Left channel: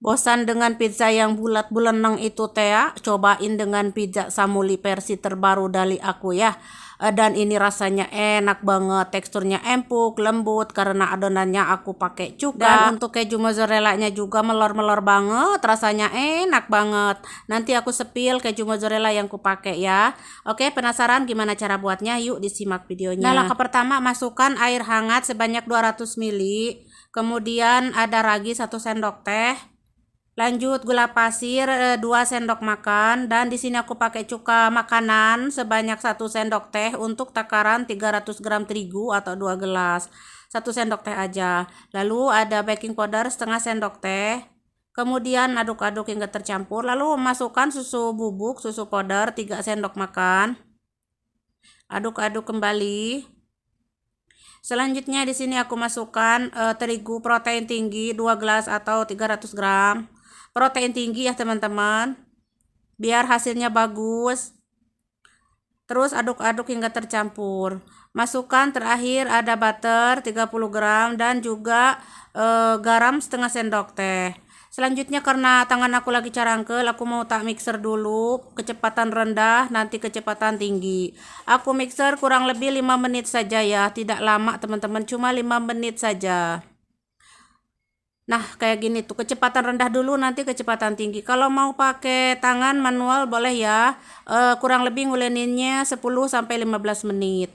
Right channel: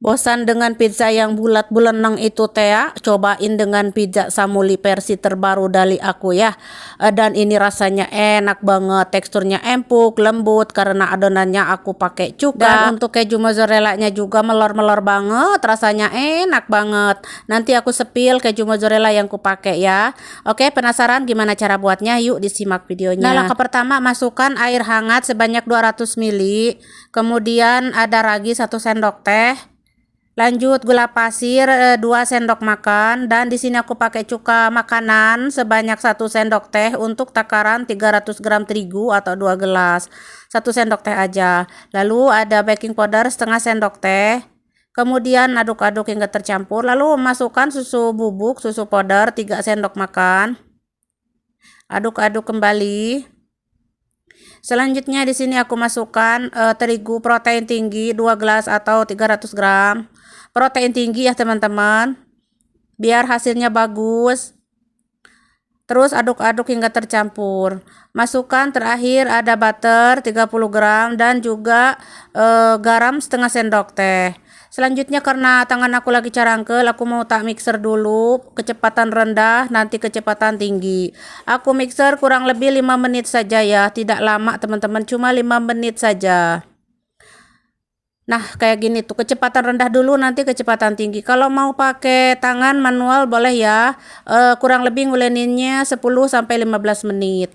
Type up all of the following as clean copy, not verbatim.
Bosan dengan pizza yang bulat buleneng itu teh ya? Cobain dengan pizza Samuli versi terbaru dari aku ya. Dan ini rasanya enak banget, teksturnya empuk, lembut karena adonannya aku pakai cuka. Dan untuk keju mozzarella-nya juga melor-melor banget, rasanya enak banget. Nanti aku sepil keju mozzarella yang kupakai ya. Oke, penasaran gimana cara buatnya? Yuk disimak videonya. Nah, langkah pertama masukkan air hangat sebanyak 200 ml. Kemudian ada ragi 1 sendok teh. Lanjut gula pasir 2 sendok makan, dan di sini aku pakai cuka makanan sebanyak 1 sendok teh untuk takaran 300 gram terigu atau 2 gelas. 1 sendok teh aja. Lalu ada baking powder setengah sendok teh. Kemudian aduk-aduk hingga tercampur. Lalu masukkan susu bubuk, susu powder 3 sendok makan. Aduk-aduk kembali. Selanjutnya di sini aku masukkan terigu protein tinggi 2 gelas atau 300 gram. Protein tinggi ya teman-teman, biar hasilnya bagus. Terus aduk-aduk hingga tercampur. Masukkan terakhir ada butter 30 gram dan juga garam setengah sendok teh. Selanjutnya karena tangan aku lagi carangkel, aku mau tak mixer dulu, kecepatan rendah nanti kecepatan tinggi. Aku mixer kurang lebih 5 menit saja ya, tidak lama teman-teman, cuma 5 menit saja. Nah, kayak gini tuh, kecepatan rendah dulu nanti kecepatan tinggi. Kalau mau pakai tangan manual boleh ya. Kurang lebih nguleninnya 10 sampai 15 menit.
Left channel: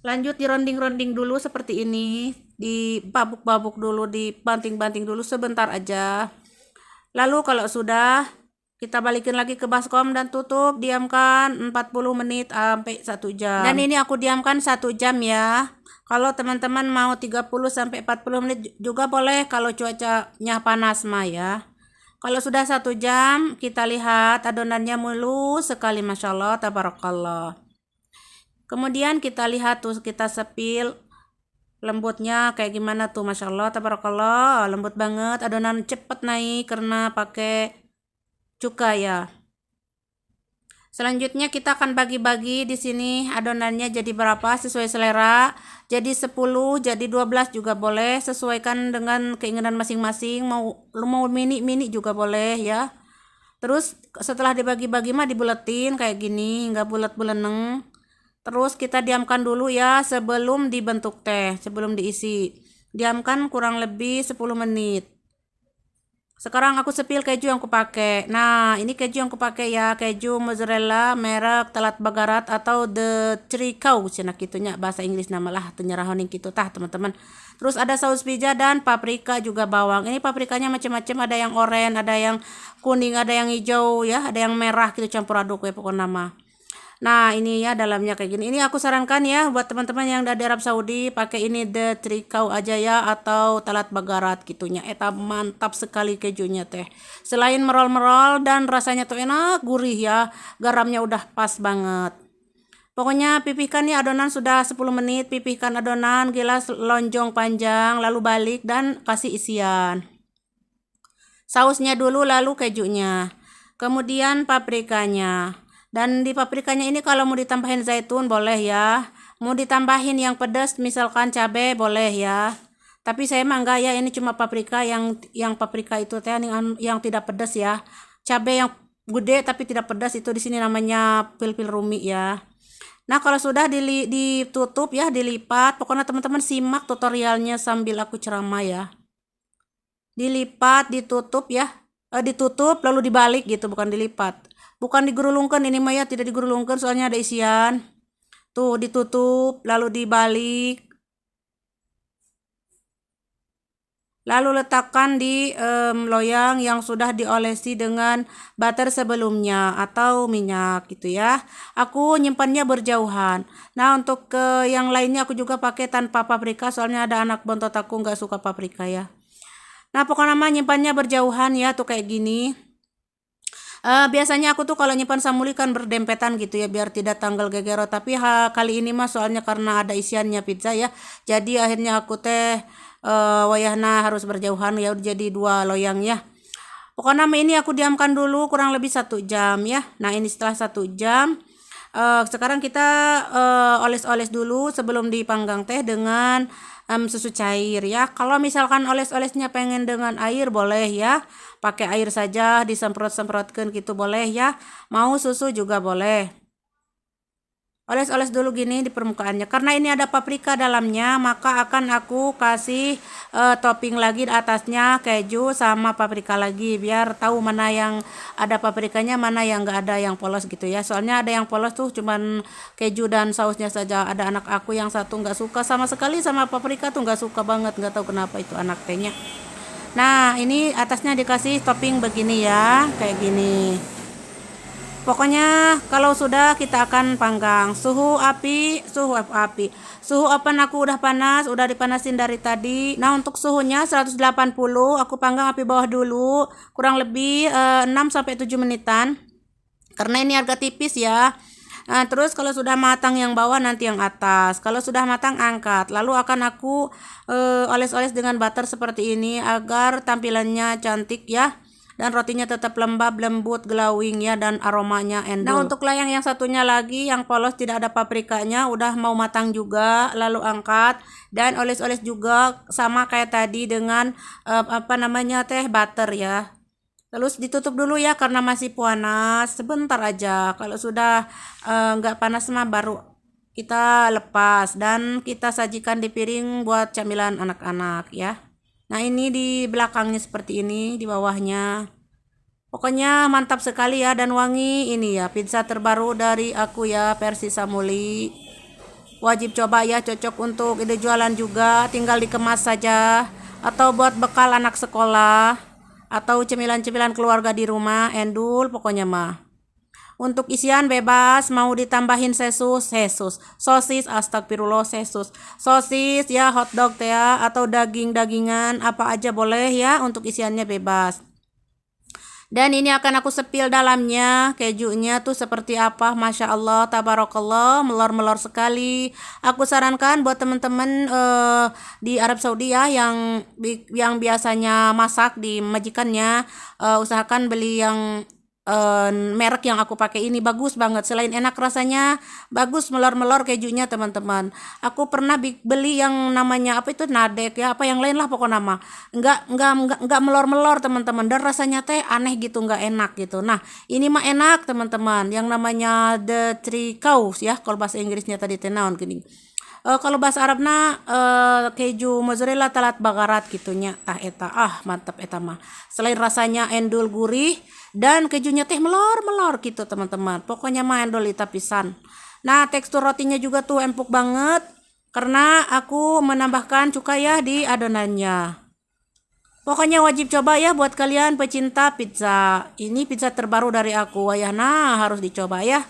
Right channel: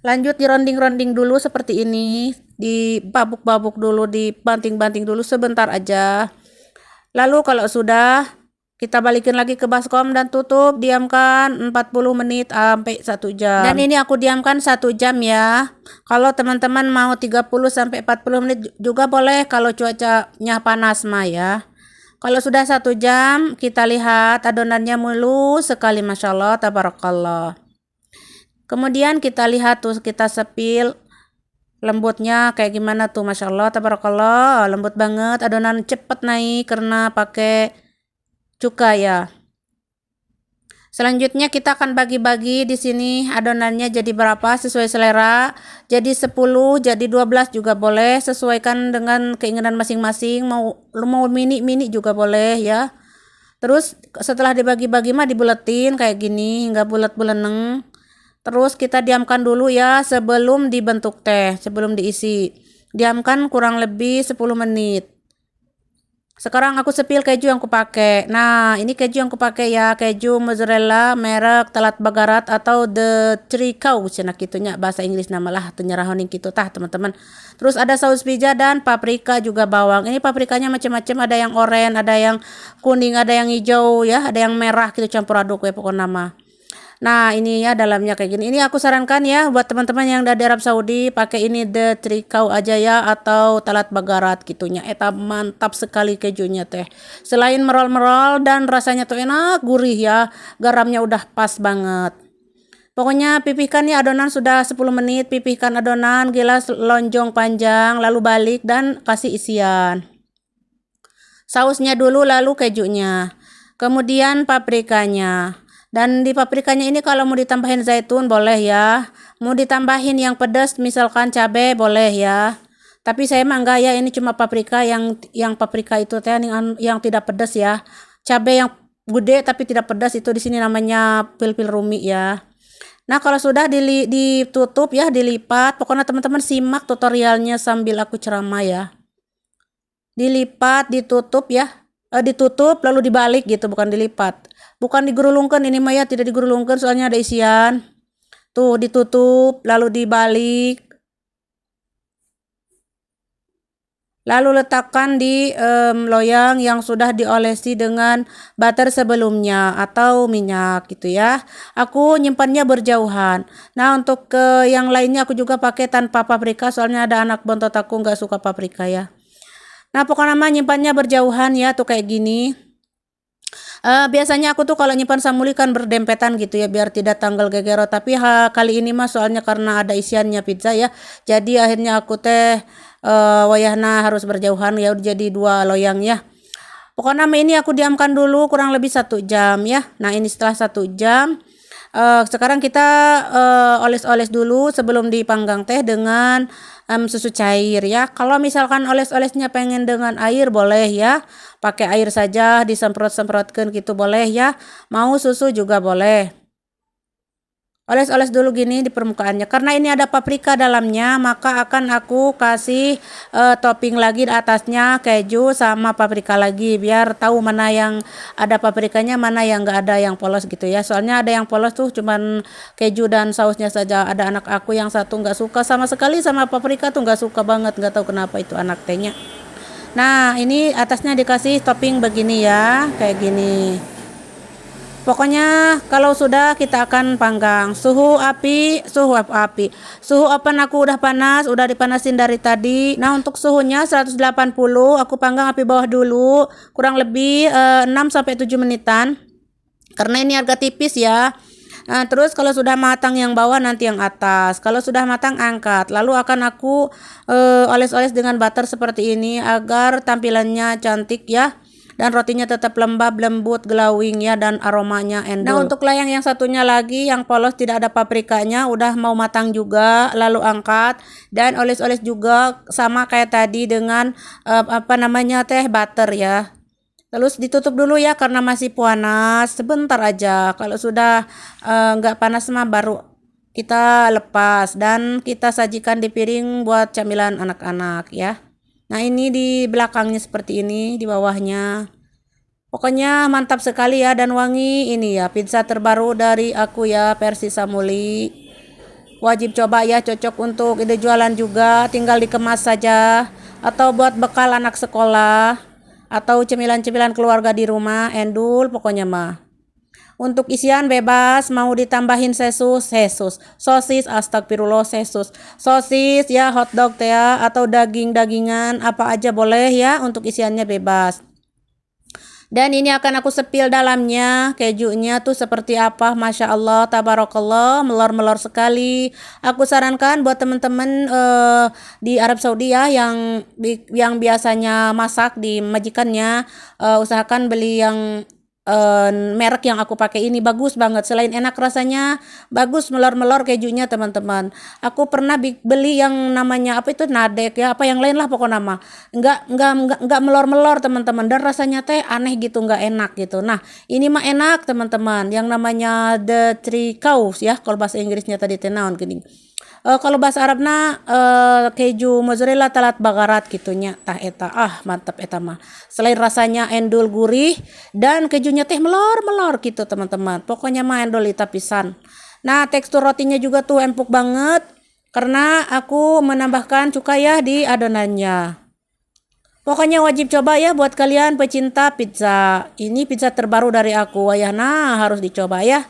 Lanjut dironding-ronding dulu seperti ini, dibabuk-babuk dulu, dibanting-banting dulu sebentar aja. Lalu kalau sudah, kita balikin lagi ke baskom dan tutup, diamkan 40 menit sampai 1 jam. Dan ini aku diamkan 1 jam ya. Kalau teman-teman mau 30 sampai 40 menit juga boleh kalau cuacanya panas mah ya. Kalau sudah 1 jam, kita lihat adonannya mulus sekali, Masya Allah, tabarakallah. Kemudian kita lihat tuh, kita sepil lembutnya kayak gimana tuh, Masya Allah, tabarakallah, lembut banget. Adonan cepet naik karena pakai cuka ya. Selanjutnya kita akan bagi-bagi di sini adonannya jadi berapa sesuai selera. Jadi 10, jadi 12 juga boleh, sesuaikan dengan keinginan masing-masing. Mau mini-mini juga boleh ya. Terus setelah dibagi-bagi mah dibuletin kayak gini hingga bulat-buleneng. Terus kita diamkan dulu ya sebelum dibentuk teh, sebelum diisi. Diamkan kurang lebih 10 menit. Sekarang aku sepil keju yang kupakai. Nah, ini keju yang kupakai ya, keju mozzarella merek Telat Bagarat atau The Three Cow cenah kitunya bahasa Inggris nama lah tenyerahoning gitu tah teman-teman. Terus ada saus pizza dan paprika juga bawang. Ini paprikanya macam-macam, ada yang oranye, ada yang kuning, ada yang hijau ya, ada yang merah gitu campur aduk ya pokoknya nama. Nah, ini ya dalamnya kayak gini. Ini aku sarankan ya buat teman-teman yang dari Arab Saudi, pakai ini The Trikau aja ya atau Talat Bagarat gitunya. Eta mantap sekali kejunya teh. Selain merol-merol dan rasanya tuh enak, gurih ya. Garamnya udah pas banget. Pokoknya pipihkan nih adonan sudah 10 menit, pipihkan adonan, gelas lonjong panjang, lalu balik dan kasih isian. Sausnya dulu lalu kejunya. Kemudian paprikanya. Dan di paprikanya ini kalau mau ditambahin zaitun boleh ya. Mau ditambahin yang pedas misalkan cabai boleh ya. Tapi saya mah enggak ya, ini cuma paprika yang paprika itu teh yang tidak pedas ya. Cabai yang gede tapi tidak pedas itu di sini namanya pil-pil rumi ya. Nah, kalau sudah ditutup ya, dilipat. Pokoknya teman-teman simak tutorialnya sambil aku ceramah ya. Dilipat, ditutup ya. Ditutup lalu dibalik gitu, bukan dilipat. Bukan digulungkan ini Maya, tidak digulungkan soalnya ada isian. Tuh ditutup lalu dibalik. Lalu letakkan di loyang yang sudah diolesi dengan butter sebelumnya atau minyak gitu ya. Aku nyimpannya berjauhan. Nah, untuk yang lainnya aku juga pakai tanpa paprika soalnya ada anak bontot aku nggak suka paprika ya. Nah, pokoknya nyimpannya berjauhan ya tuh kayak gini. Biasanya aku tuh kalau nyimpan samuli kan berdempetan gitu ya biar tidak tanggal gegero, tapi kali ini mah soalnya karena ada isiannya pizza ya, jadi akhirnya aku teh wayahna harus berjauhan ya, jadi 2 loyang ya. Pokoknya ini aku diamkan dulu kurang lebih 1 jam ya. Nah, ini setelah 1 jam Sekarang kita oles-oles dulu sebelum dipanggang teh dengan susu cair ya. Kalau misalkan oles-olesnya pengen dengan air boleh ya, pakai air saja disemprot-semprotkan gitu boleh ya. Mau susu juga boleh. Oles-oles dulu gini di permukaannya. Karena ini ada paprika dalamnya, maka akan aku kasih topping lagi di atasnya keju sama paprika lagi, biar tahu mana yang ada paprikanya, mana yang enggak ada yang polos gitu ya. Soalnya ada yang polos tuh cuman keju dan sausnya saja. Ada anak aku yang satu nggak suka sama sekali sama paprika tuh, nggak suka banget, nggak tahu kenapa itu anak tehnya. Nah, ini atasnya dikasih topping begini ya, kayak gini. Pokoknya kalau sudah kita akan panggang. Suhu oven aku udah panas, udah dipanasin dari tadi. Nah, untuk suhunya 180, aku panggang api bawah dulu, kurang lebih 6 sampai 7 menitan. Karena ini agak tipis ya. Nah, terus kalau sudah matang yang bawah, nanti yang atas. Kalau sudah matang angkat. Lalu akan aku oles-oles dengan butter seperti ini agar tampilannya cantik ya. Dan rotinya tetap lembab, lembut, glowing ya, dan aromanya endul. Nah, untuk layang yang satunya lagi yang polos tidak ada paprikanya, udah mau matang juga, lalu angkat dan oles-oles juga sama kayak tadi dengan butter ya. Terus ditutup dulu ya karena masih panas, sebentar aja. Kalau sudah nggak panas mah baru kita lepas dan kita sajikan di piring buat camilan anak-anak ya. Nah, ini di belakangnya seperti ini, di bawahnya. Pokoknya mantap sekali ya dan wangi. Ini ya pizza terbaru dari aku ya, versi Samuli. Wajib coba ya, cocok untuk ide jualan juga, tinggal dikemas saja. Atau buat bekal anak sekolah. Atau cemilan-cemilan keluarga di rumah, endul pokoknya mah. Untuk isian bebas, mau ditambahin sosis, astagfirullah sosis ya, hotdog teh ya, atau daging-dagingan, apa aja boleh ya, untuk isiannya bebas. Dan ini akan aku sepil dalamnya, kejunya tuh seperti apa, Masya Allah, tabarakallah, melor-melor sekali. Aku sarankan buat teman-teman di Arab Saudi ya, yang biasanya masak di majikannya, usahakan beli yang merek yang aku pakai ini, bagus banget. Selain enak rasanya, bagus melor-melor kejunya teman-teman. Aku pernah beli yang namanya apa itu nadek ya, apa yang lain lah pokoknya nama. Enggak melor-melor teman-teman, dan rasanya teh aneh gitu, enggak enak gitu. Nah, ini mah enak teman-teman. Yang namanya the three cows ya, kalau bahasa Inggrisnya tadi tenaon gini. Kalau bahasa Arabna keju mozzarella talat bagarat gitunya, tah eta mantap eta mah. Selain rasanya endul gurih dan kejunya teh melor-melor gitu teman-teman. Pokoknya mah endul ita pisan. Nah, tekstur rotinya juga tuh empuk banget karena aku menambahkan cuka ya di adonannya. Pokoknya wajib coba ya buat kalian pecinta pizza. Ini pizza terbaru dari aku, wayahna harus dicoba ya.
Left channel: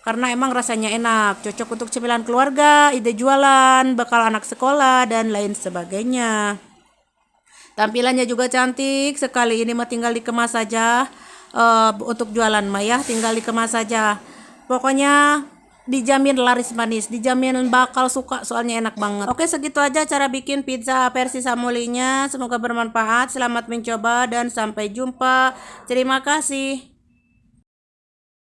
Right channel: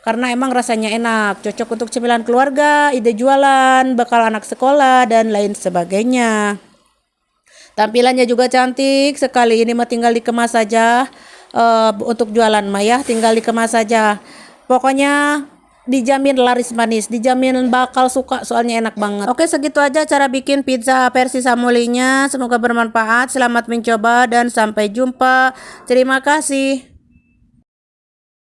Karena emang rasanya enak, cocok untuk cemilan keluarga, ide jualan, bekal anak sekolah, dan lain sebagainya. Tampilannya juga cantik sekali, ini mah tinggal dikemas saja. Untuk jualan mah ya, tinggal dikemas saja. Pokoknya dijamin laris manis, dijamin bakal suka, soalnya enak banget. Oke, segitu aja cara bikin pizza versi Samulinya. Semoga bermanfaat, selamat mencoba, dan sampai jumpa. Terima kasih.